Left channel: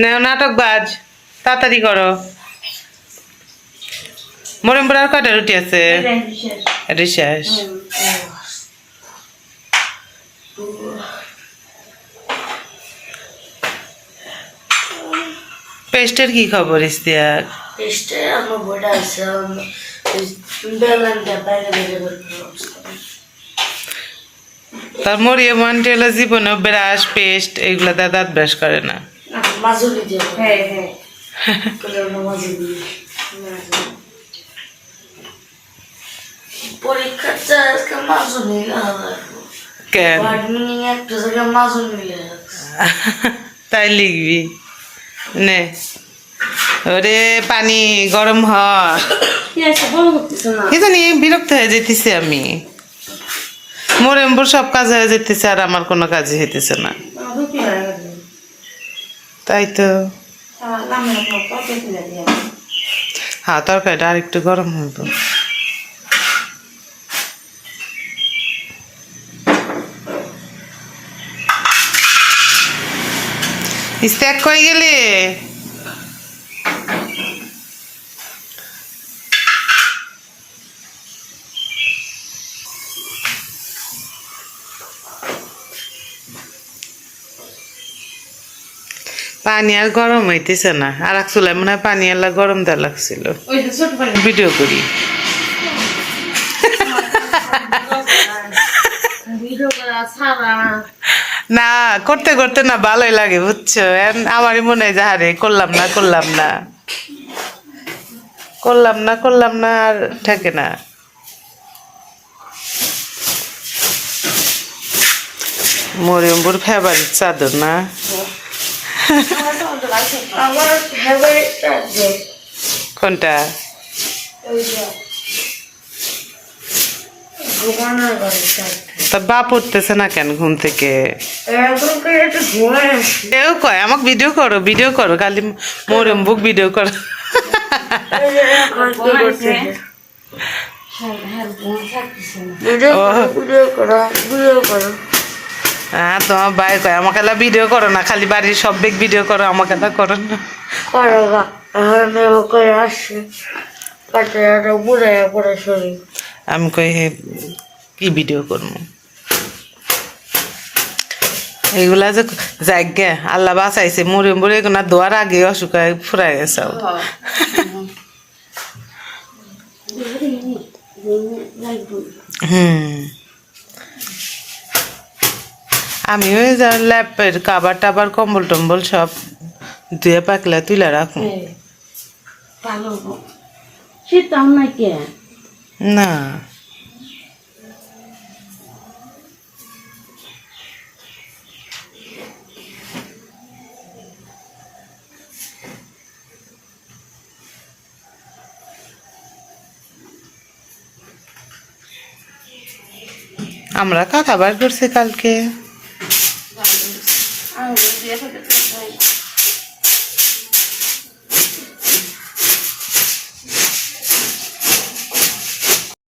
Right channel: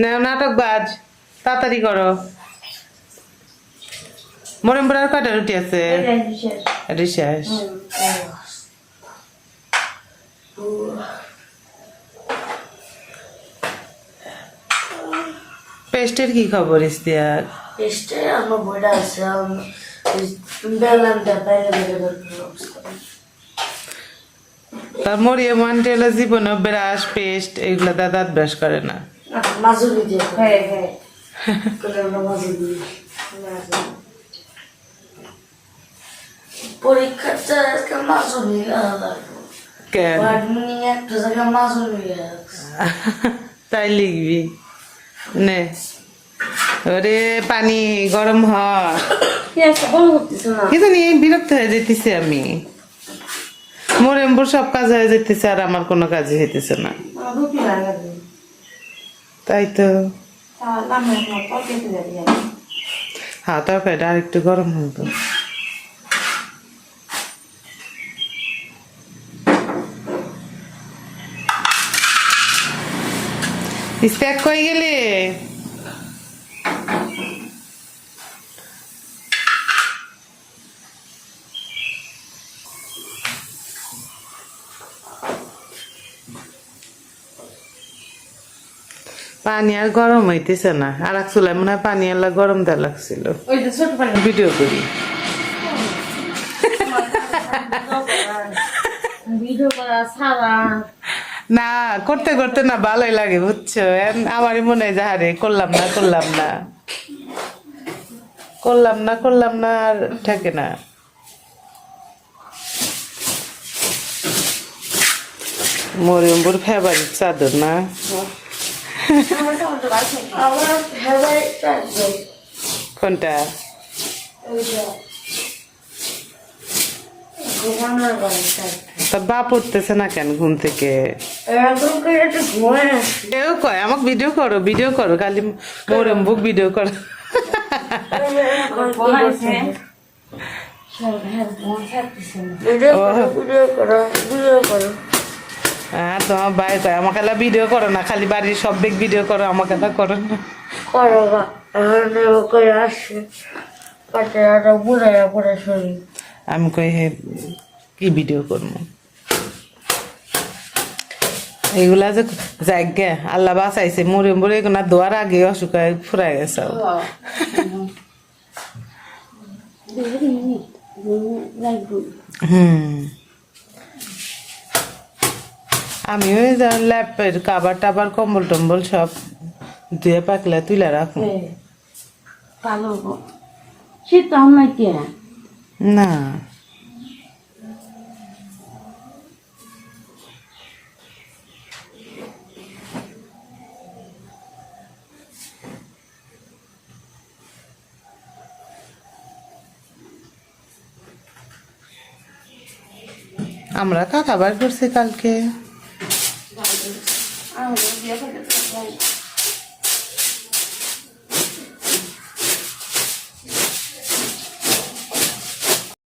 নেও নাটক বাজ তাড়াতাড়ি করো। মরিমপুর আর কয়টা রুটি আছে? শেষ পেস্টের কি খবর ইস্তিয়াক পেস্টে আমার বইটা আছে বেলানটা বাইরে বের তার মরিয়া মানটি হলো জীবনে ব্রাশ পেস্ট এগুলো দিয়ে দাঁত ব্রাশ করে না। মাজুলি দিয়ে হ্যাঁ হ্যাঁ। মাজুলি? পরীক্ষাটা আজকে মাজুলি কেন? একটা জায়গায় মাজুলি তাই লিখবি। নে। ওরে পানি গরম হ। কি আছে? বড় করতেছো না। কি জানি বিরক্ত হয়ে যেতেছি আমি। মোরেম্বুর সব কাজ হয়ে যেতেছে আর আমার কোনো কাজই হইতেছে না। তাই তো। পকে হ্যাঁ তরকারিটা আর একটু গরম হইব ইস্তেক কই গেলে? পানি আর গরম হইতেছে না। আর এক চুলায় মনে হয় পানি এলা গরম দেওয়া লাগছিল। ভিডিও করি। না করতে করতে না ভালোই লাগে বুঝছ? আমারই মনে হয় যাহারে করলাম না করলাম না। করলাম না করলাম না আর থাকে না। মরিয়মপুর ফেভারিট চাদর না? আছে কোনটা? তা বাপ উঠতেছে না কেন ঘুম থেকে? এও কয় আমাকে ভিডিও করো ভিডিও করো খালি মরিয়মবুক ভিডিও করো। হ্যাঁ ভিডিও ও। করো ভিডিও করো ভিডিও করো। হ্যাঁ তোমার ভাই কয় আমাকে ভিডিও করো না খালি বাড়ির সব বেগ ভিডিও করো আমাকে করো না। আমি কই হে কি ভিডিও করব? এগুলা যে যাগ্যা আল্লাহ বাঁচাইছে মরে মরে এগুলা দোয়ার আগে অসুখ ফুরাই গেছে হুম। আমি ওই ল্যাপের কাবার টাবার কম্বল টম্বল সব ধুয়ে পাকলে তুলে রাখুন পাগল শীত আমরা করছি না আমরা কাকা বার করছি কালকে আমি দিয়ে থাকে